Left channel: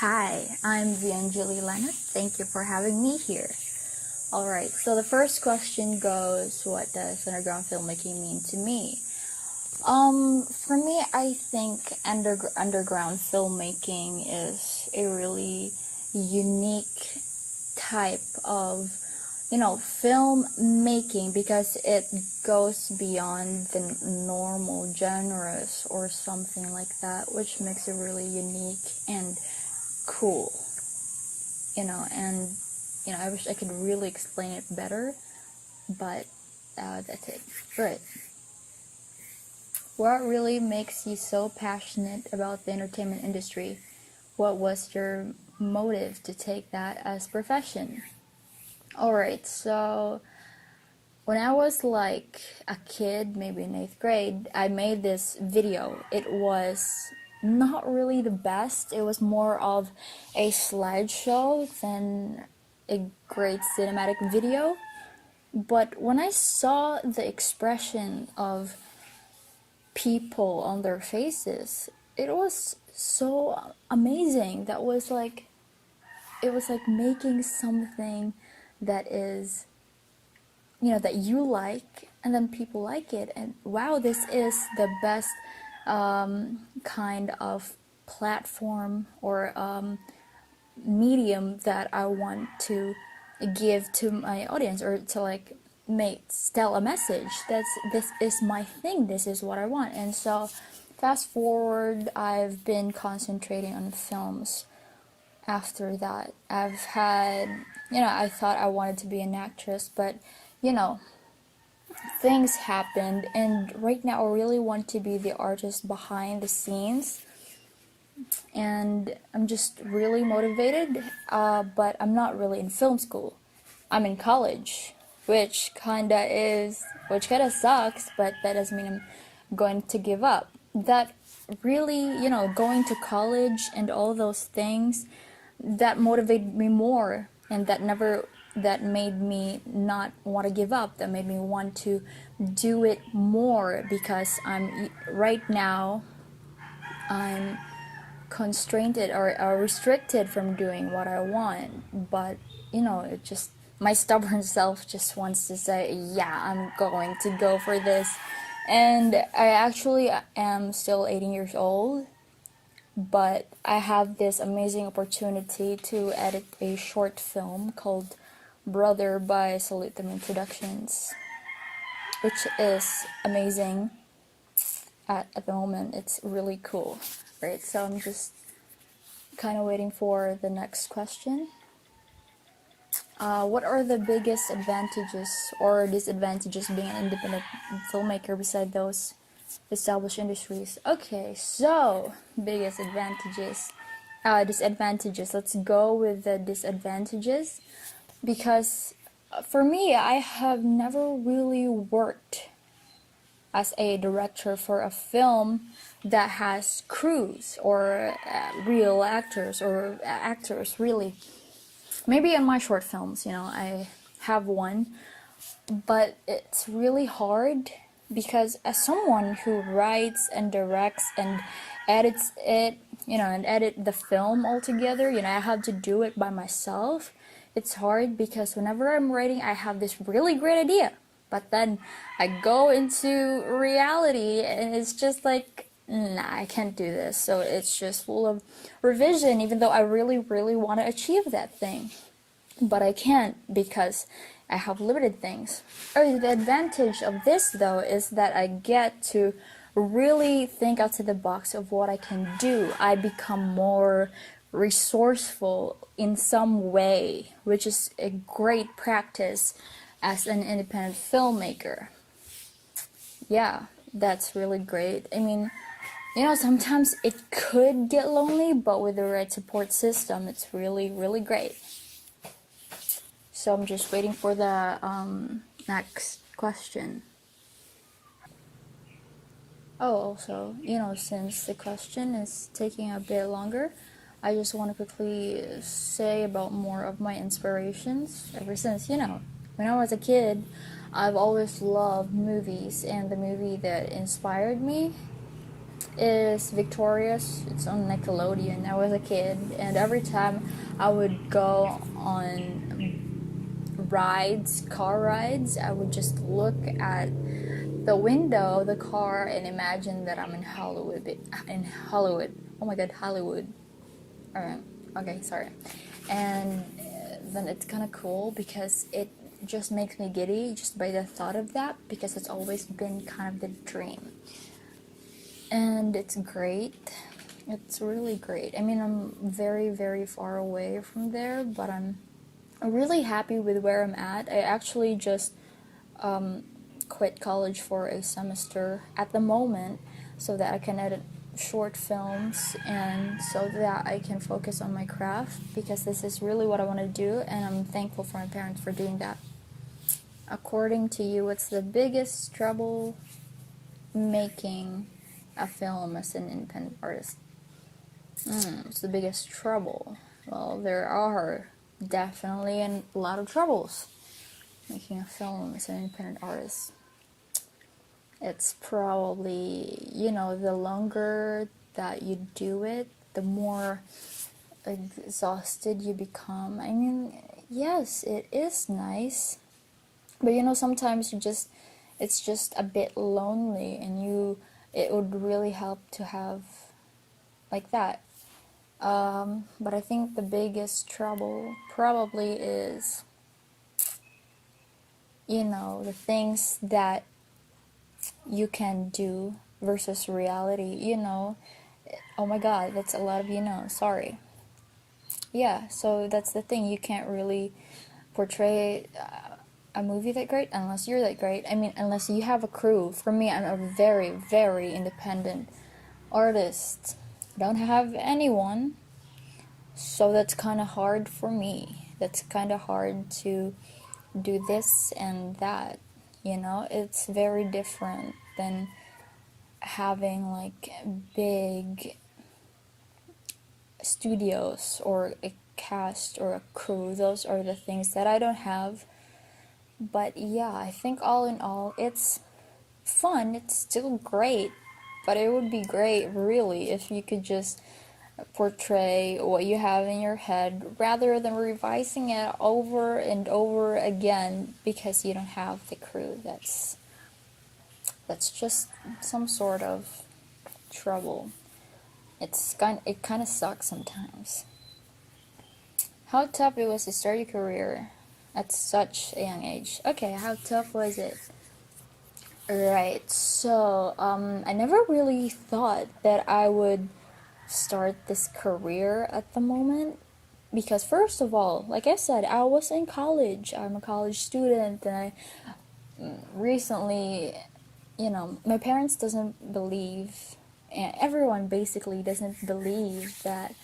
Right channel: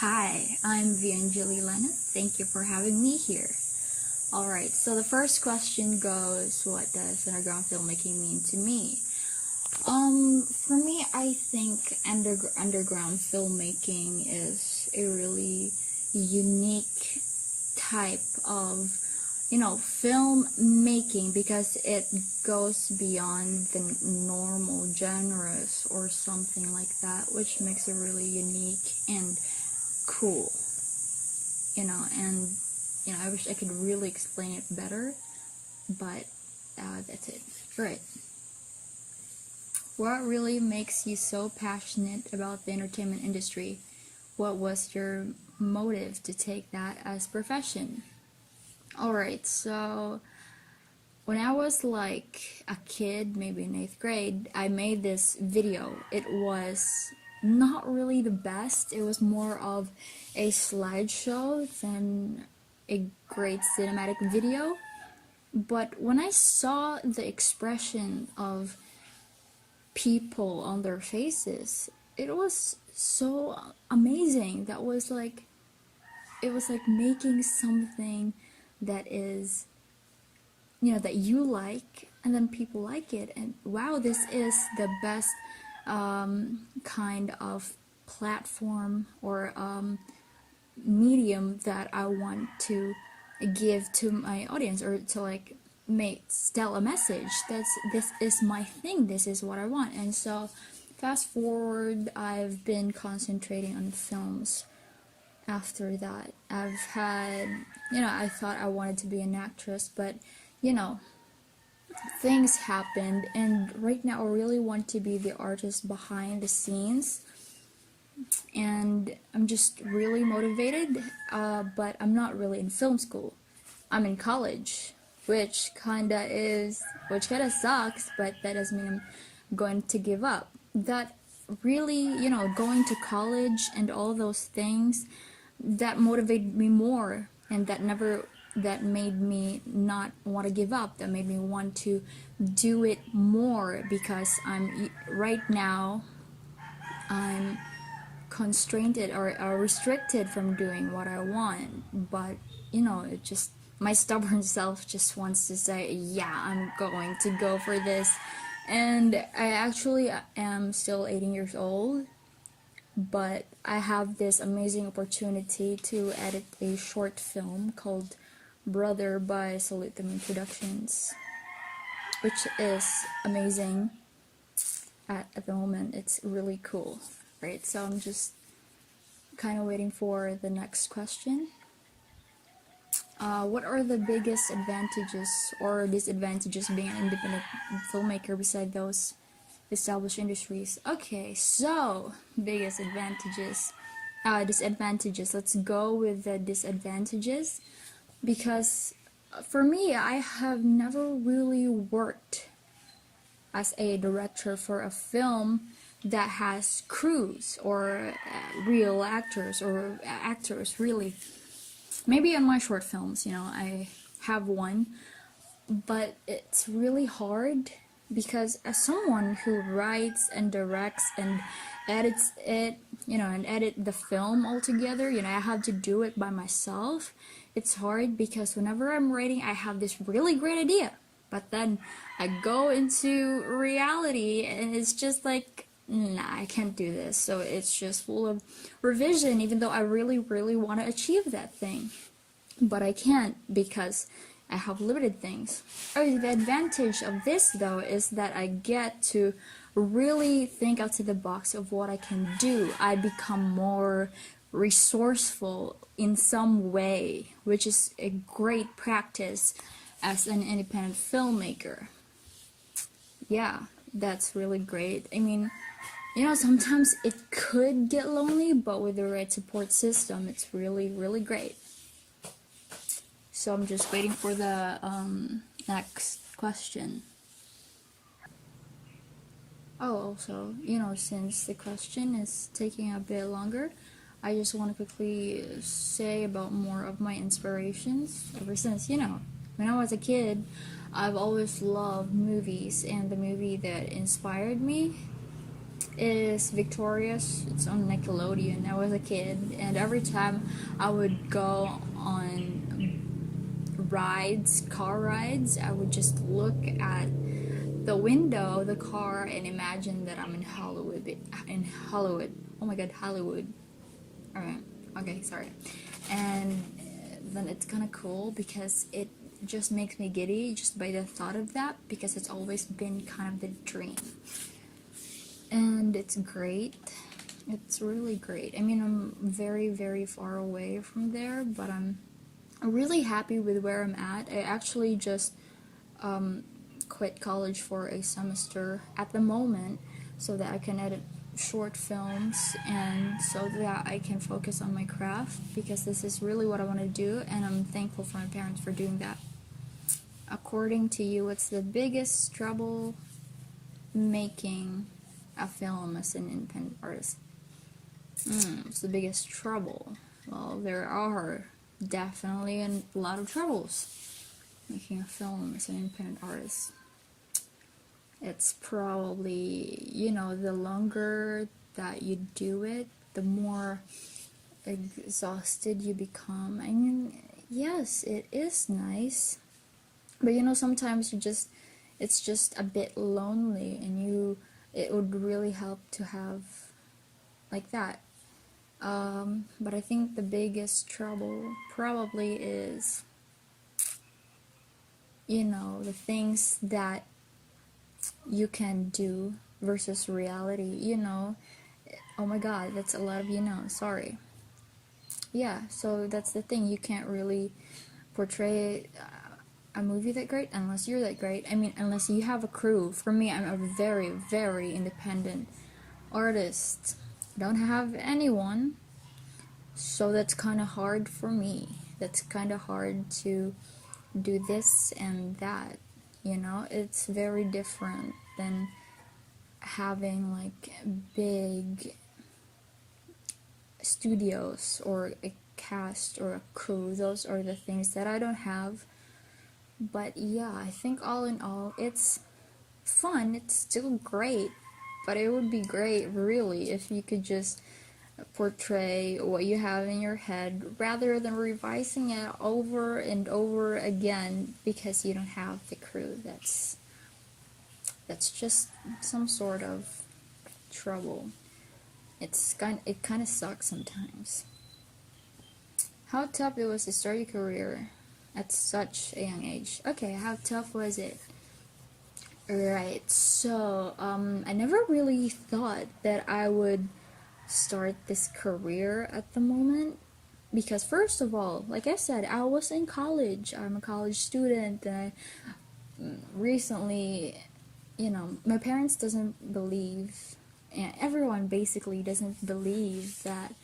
Hi, I'm Angeli Zarco. Thank you for having me here. Alright, so the first question goes, what does underground filmmaking mean to me? For me, I think underground filmmaking is a really unique type of, film making because it goes beyond the normal genres or something like that, which makes it really unique and cool, and I wish I could really explain it better, but that's it. Right. What really makes you so passionate about the entertainment industry? What was your motive to take that as profession? Alright, so when I was like a kid, maybe in 8th grade, I made this video. It was not really the best. It was more of a slideshow than a great cinematic video. But when I saw the expression of people on their faces, it was so amazing. It was like making something that is, that you like, and then people like it, and wow, this is the best kind of platform or medium that I want to give to my audience, or to tell a message. This is my thing, this is what I want. And so fast forward, I've been concentrating on films. After that, I've had, I thought I wanted to be an actress, but things happened, and right now I really want to be the artist behind the scenes, and I'm just really motivated, but I'm not really in film school. I'm in college, which kinda sucks, but that doesn't mean I'm going to give up. That really, going to college and all those things, that motivated me more, and that made me not want to give up. That made me want to do it more, because right now I'm constrained or restricted from doing what I want. But it just, my stubborn self just wants to say, yeah, I'm going to go for this. And I actually am still 18 years old, but I have this amazing opportunity to edit a short film called Brother by Salute Them Productions, which is amazing at the moment. It's really cool, right? So I'm just kind of waiting for the next question. What are the biggest advantages or disadvantages being an independent filmmaker beside those established industries? Okay, so biggest disadvantages. Let's go with the disadvantages, because for me, I have never really worked as a director for a film that has crews or real actors or actors, really. Maybe on my short films, I have one, but it's really hard, because as someone who writes and directs and edits it, and edit the film altogether, I have to do it by myself. It's hard because whenever I'm writing, I have this really great idea, but then I go into reality and it's just like, nah, I can't do this. So it's just full of revision, even though I really, really want to achieve that thing. But I can't, because I have limited things. The advantage of this, though, is that I get to really think outside the box of what I can do. I become more resourceful in some way, which is a great practice as an independent filmmaker. Yeah, that's really great. I mean, sometimes it could get lonely, but with the right support system, it's really, really great. So I'm just waiting for the next question. Oh, also, since the question is taking a bit longer, I just want to quickly say about more of my inspirations. Ever since, when I was a kid, I've always loved movies, and the movie that inspired me is Victorious. It's on Nickelodeon. I was a kid, and every time I would go on car rides, I would just look at the window of the car and imagine that I'm in Hollywood. Oh my god, Hollywood. Alright, okay, sorry. And then it's kind of cool because it just makes me giddy just by the thought of that, because it's always been kind of the dream. And it's great. It's really great. I mean, I'm very, very far away from there, but I'm really happy with where I'm at. I actually just quit college for a semester at the moment so that I can edit short films and so that I can focus on my craft, because this is really what I want to do, and I'm thankful for my parents for doing that. According to you, what's the biggest trouble making a film as an independent artist? What's the biggest trouble? Well, there are definitely a lot of troubles making a film as an independent artist. It's probably, the longer that you do it, the more exhausted you become. I mean, yes, it is nice, but sometimes it's just a bit lonely, and it would really help to have like that. But I think the biggest trouble probably is, the things that you can do versus reality. Oh my god, that's a lot of sorry. Yeah, so that's the thing. You can't really portray a movie that great unless you're that great. I mean, unless you have a crew. For me, I'm a very, very independent artist. I don't have anyone, so that's kind of hard for me. That's kind of hard to do this and that. It's very different than having like big studios or a cast or a crew. Those are the things that I don't have. But yeah, I think all in all, it's fun. It's still great, but it would be great really if you could just portray what you have in your head rather than revising it over and over again because you don't have the crew. That's just some sort of trouble. It kind of sucks sometimes. How tough it was to start your career at such a young age? Okay, how tough was it? Right, so I never really thought that I would start this career at the moment, because first of all, like I said, I was in college. I'm a college student, and I recently, my parents doesn't believe, and everyone basically doesn't believe that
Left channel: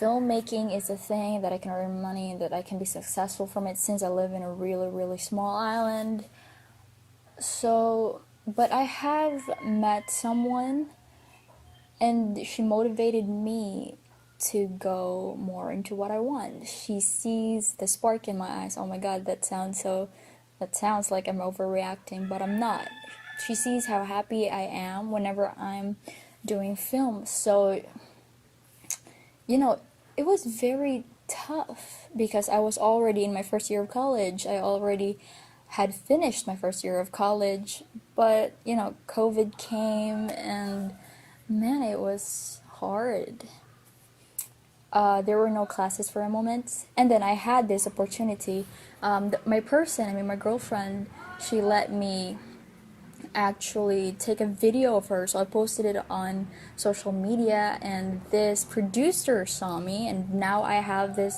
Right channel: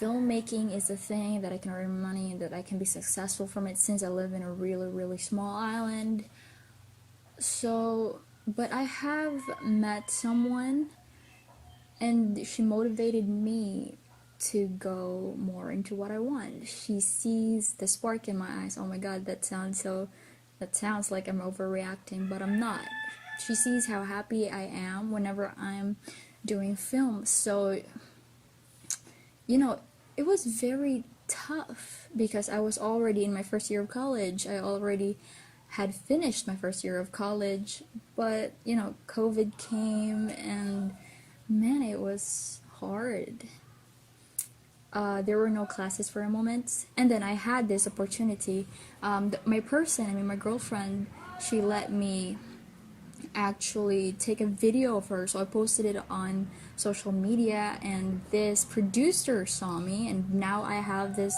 filmmaking is a thing that I can earn money and that I can be successful from it, since I live in a really, really small island. So, but I have met someone, and she motivated me to go more into what I want. She sees the spark in my eyes. Oh my god, that sounds like I'm overreacting, but I'm not. She sees how happy I am whenever I'm doing film. So, it was very tough because I was already in my first year of college. I already had finished my first year of college, but, COVID came, and man, it was hard. There were no classes for a moment, and then I had this opportunity. My girlfriend, she let me actually take a video of her, so I posted it on social media, and this producer saw me, and now I have this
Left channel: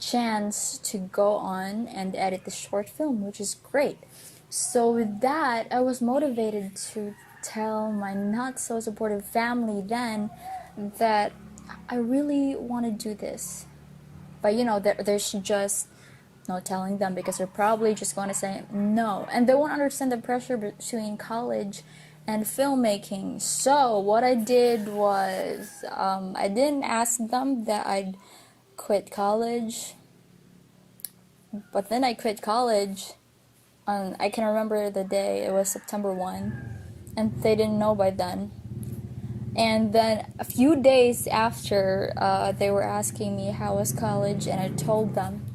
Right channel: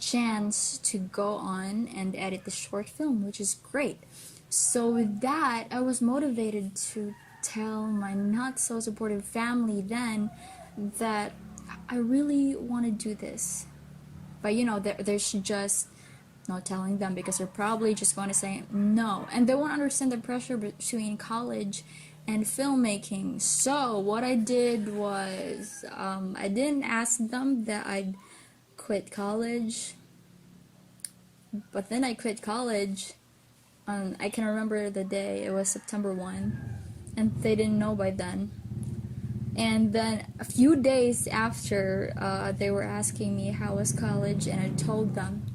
chance to go on and edit the short film, which is great. So with that, I was motivated to tell my not so supportive family then that I really want to do this. But there's just no telling them, because they're probably just going to say no, and they won't understand the pressure between college and filmmaking. So what I did was I didn't ask them that I'd quit college, but then I quit college. I can remember the day. It was September 1, and they didn't know by then. And then a few days after, they were asking me how was college, and I told them.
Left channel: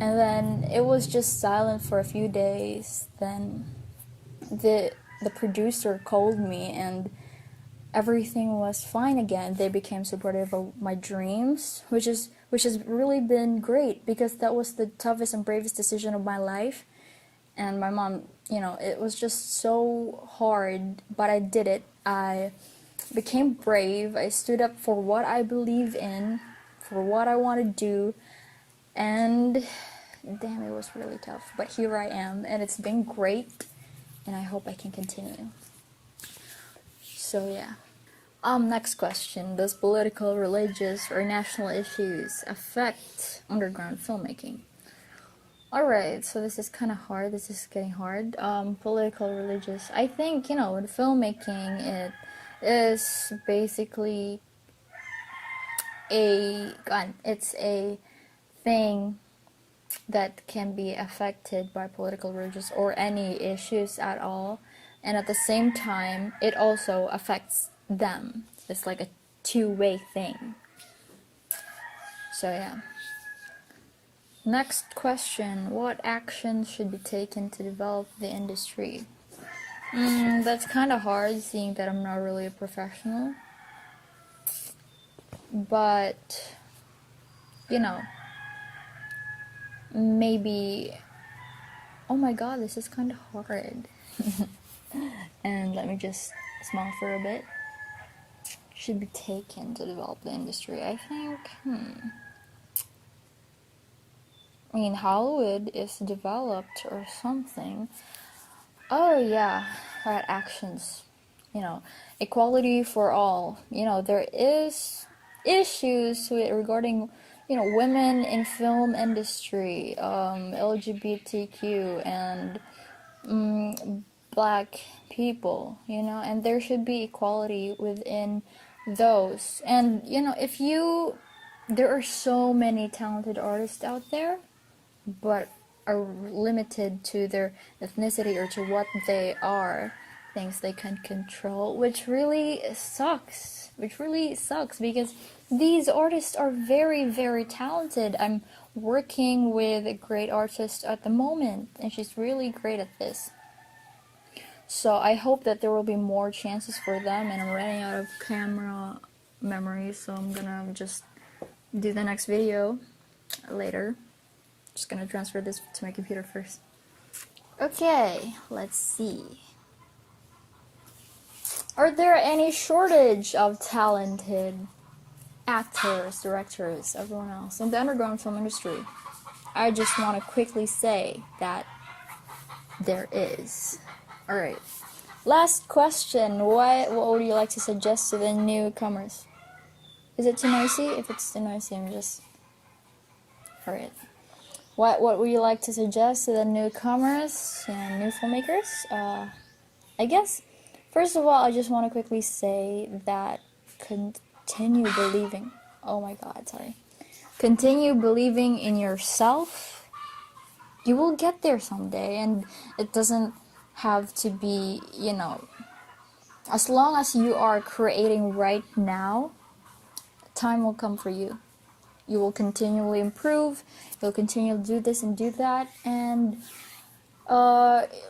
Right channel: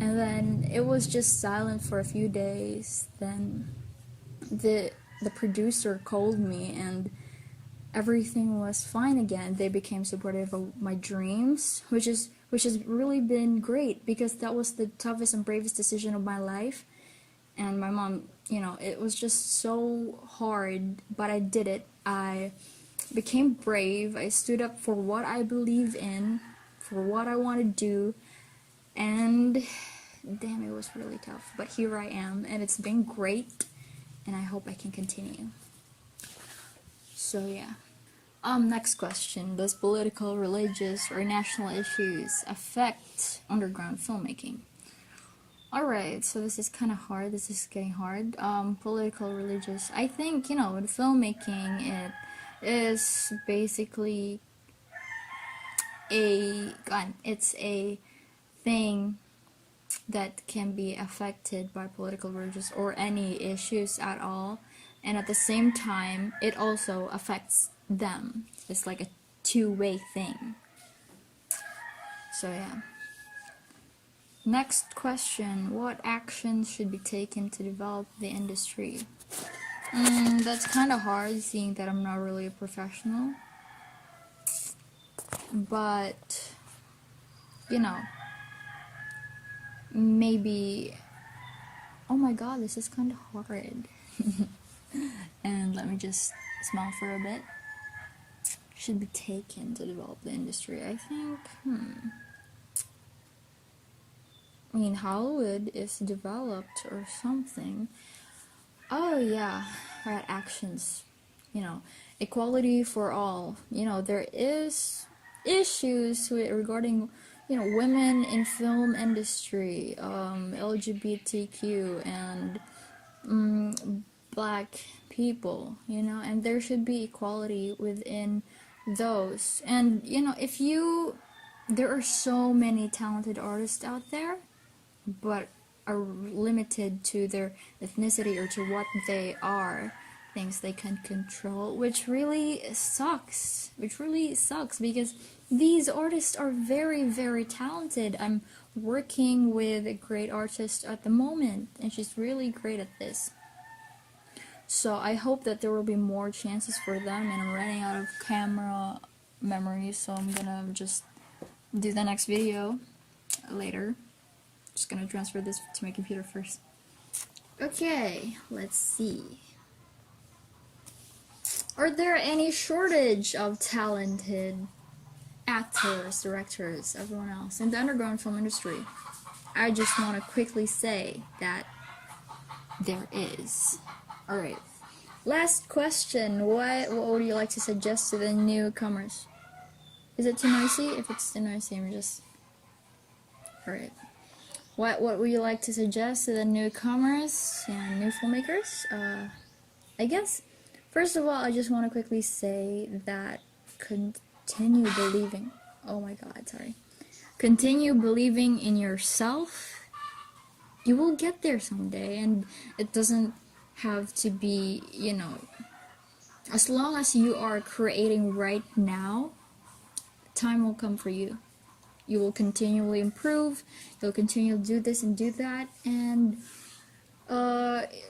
And then it was just silent for a few days. Then the producer called me, and everything was fine again. They became supportive of my dreams, which has really been great, because that was the toughest and bravest decision of my life. And my mom, it was just so hard, but I did it. I became brave. I stood up for what I believe in, for what I want to do, and damn, it was really tough. But here I am, and it's been great, and I hope I can continue. So yeah. Next question. Does political, religious, or national issues affect underground filmmaking? Alright, so this is kind of hard. This is getting hard. Political, religious. I think, with filmmaking, it is basically it's a thing that can be affected by political, religious, or any issues at all. And at the same time, it also affects them. It's like a two-way thing. So yeah. Next question. What actions should be taken to develop the industry? That's kind of hard, seeing that I'm not really a professional. But, maybe... Oh my god, this is kind of hard. And let me just smile for a bit. Should be taken to develop the industry. I think, Hollywood is developed or something. Oh yeah, right, actions. Equality for all. There is issues regarding, women in film industry, LGBTQ, and black people, and there should be equality within those. And, there are so many talented artists out there, but are limited to their ethnicity or to what they are, things they can control, which really sucks, because these artists are very, very talented. I'm working with a great artist at the moment, and she's really great at this. So I hope that there will be more chances for them, and I'm running out of camera memory, so I'm gonna just do the next video later. Just gonna transfer this to my computer first. Okay, let's see. Are there any shortage of talented actors, directors, everyone else in the underground film industry? I just want to quickly say that there is. Alright. Last question. What would you like to suggest to the newcomers? Is it too noisy? If it's too noisy, I'm just... Alright. What would you like to suggest to the newcomers and new filmmakers? I guess, first of all, I just want to quickly say that continue believing. Oh my god, sorry. Continue believing in yourself. You will get there someday, and it doesn't have to be, as long as you are creating right now, time will come for you. You will continually improve, you'll continue to do this and do that, and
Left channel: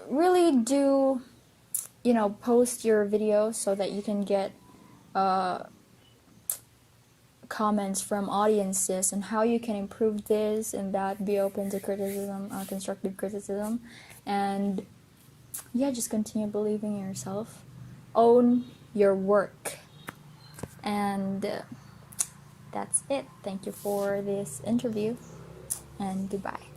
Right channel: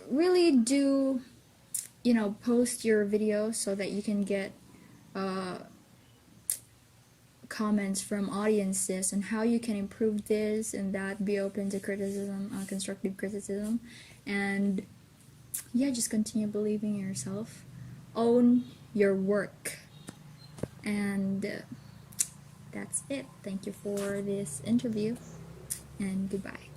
really do, post your videos so that you can get comments from audiences on how you can improve this and that. Be open to criticism, constructive criticism, and yeah, just continue believing in yourself. Own your work. And that's it. Thank you for this interview, and goodbye.